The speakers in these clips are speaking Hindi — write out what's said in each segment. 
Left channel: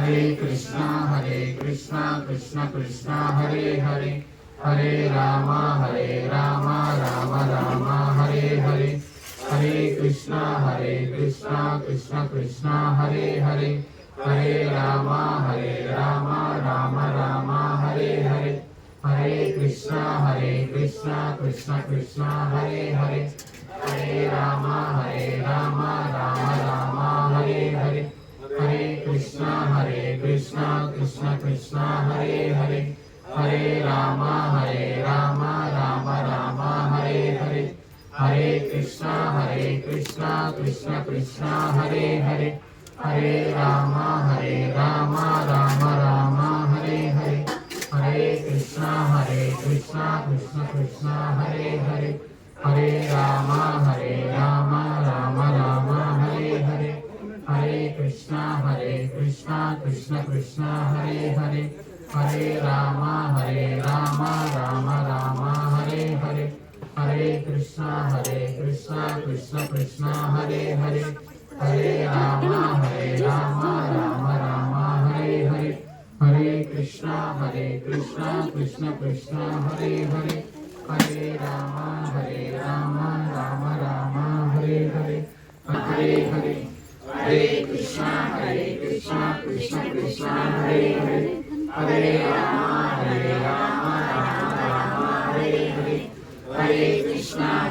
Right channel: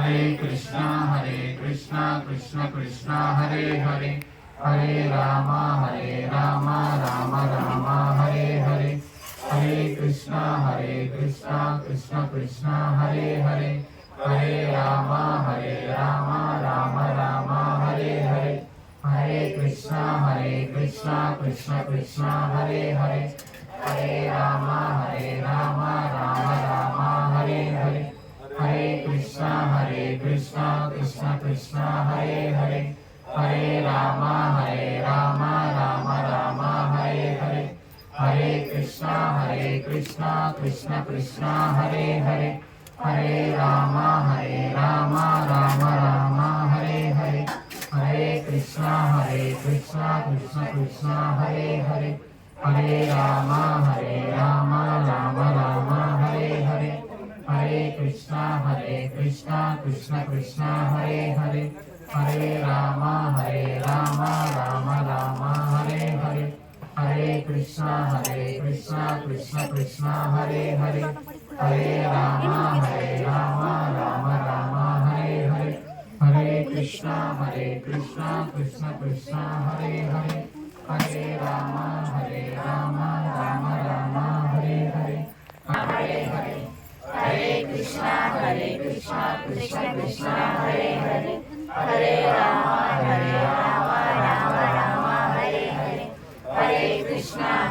हरे कृष्णा कृष्ण कृष्ण हरे हरे, हरे राम राम राम हरे हरे, हरे कृष्णा कृष्ण कृष्ण हरे हरे, हरे राम राम राम हरे हरे, हरे कृष्णा कृष्ण कृष्ण हरे हरे, हरे राम राम राम हरे हरे, हरे कृष्णा कृष्ण कृष्ण हरे हरे, हरे राम राम राम हरे हरे, हरे कृष्णा कृष्ण कृष्ण हरे हरे, हरे राम राम राम हरे हरे, हरे कृष्णा कृष्ण कृष्ण हरे हरे, हरे राम राम राम हरे हरे, हरे कृष्णा कृष्ण कृष्ण हरे हरे, हरे राम राम हरे हरे, हरे कृष्णा कृष्ण कृष्ण हरे हरे, हरे राम राम हरे हरे, हरे कृष्णा कृष्ण कृष्ण हरे हरे, हरे राम राम हरे हरे, हरे हरे, हरे कृष्णा कृष्ण कृष्ण हरे हरे, हरे राम राम हरे हरे, हरे कृष्णा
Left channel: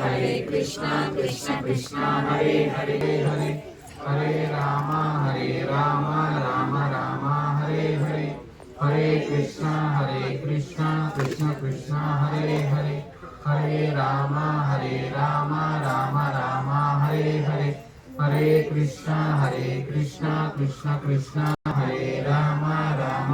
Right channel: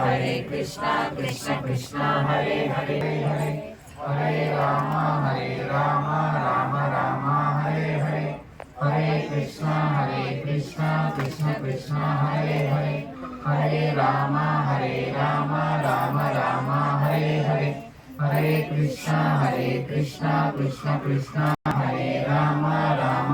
कृष्ण कृष्ण हरे हरे हरे, हरे राम राम हरे हरे, हरे कृष्णा कृष्ण कृष्ण हरे हरे, हरे राम राम हरे हरे, हरे कृष्णा कृष्ण कृष्ण हरे राम राम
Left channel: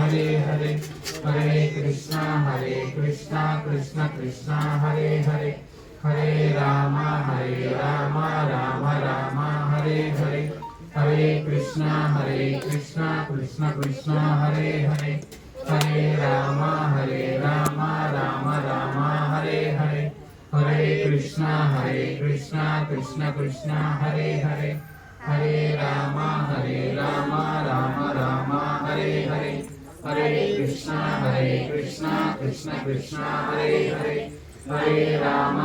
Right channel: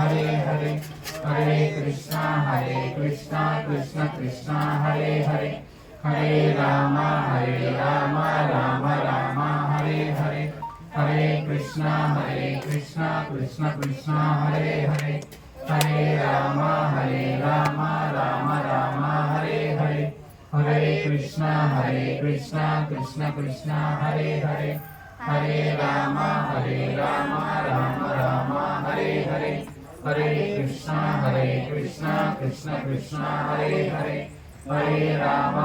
हरे हरे, हरे कृष्णा कृष्ण कृष्ण हरे हरे, हरे राम राम हरे हरे, हरे कृष्णा कृष्ण कृष्ण हरे हरे, हरे राम राम हरे हरे, हरे कृष्णा कृष्ण कृष्ण हरे हरे, हरे राम राम हरे हरे, हरे कृष्णा कृष्ण कृष्ण हरे हरे, हरे राम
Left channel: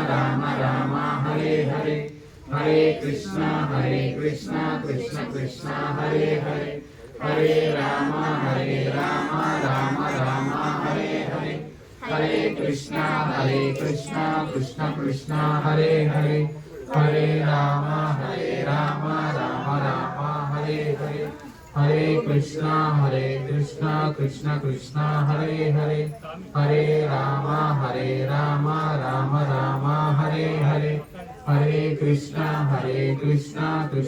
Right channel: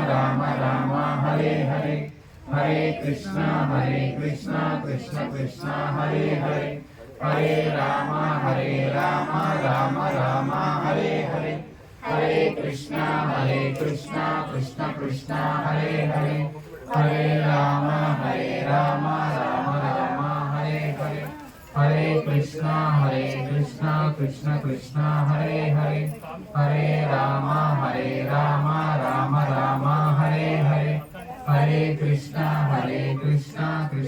राम हरे हरे, हरे कृष्णा कृष्ण कृष्ण हरे हरे, हरे राम राम हरे हरे, हरे कृष्णा कृष्ण कृष्ण हरे हरे, हरे राम राम हरे हरे, हरे कृष्णा कृष्ण कृष्ण हरे हरे, हरे राम राम राम हरे हरे, हरे कृष्णा कृष्ण